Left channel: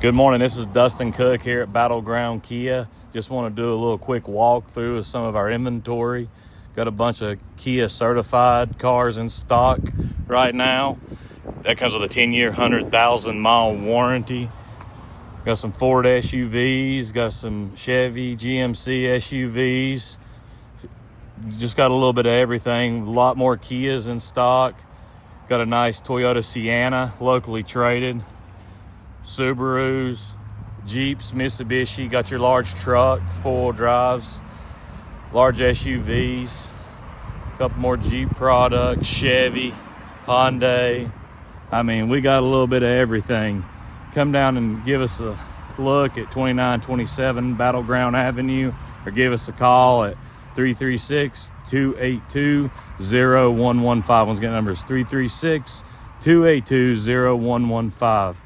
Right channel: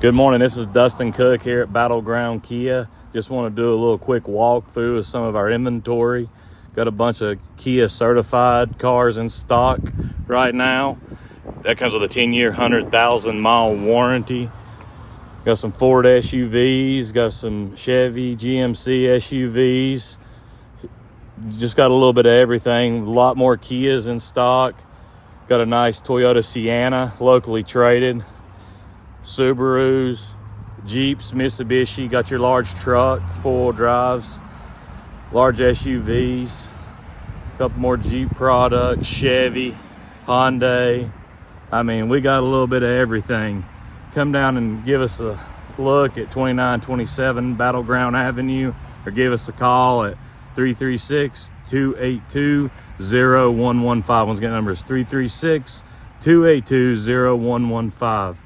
Good morning, this is Dustin Cook here at Battleground Kia. Just want to do a little quick walkthrough of some of our inventory. Got a bunch of Kia certified cars in stock right now. That comes with a 10-year, 100,000 mile warranty. Got some Ford SUVs, got some Chevy, GMC SUVs. Just got a little bit of everything. A lot more Kias in stock. Got a nice Toyota Sienna, locally traded. Subarus, Jeeps, Mitsubishi, got your large truck, four-wheel drives, large SUVs, a couple more Jeep products, Chevy, Hyundai. I mean, we got a little bit of everything. Come down and give us a look at 2927 Battleground Avenue, or give us a call at 336-282-0115. Once again, number is 336-282-0115.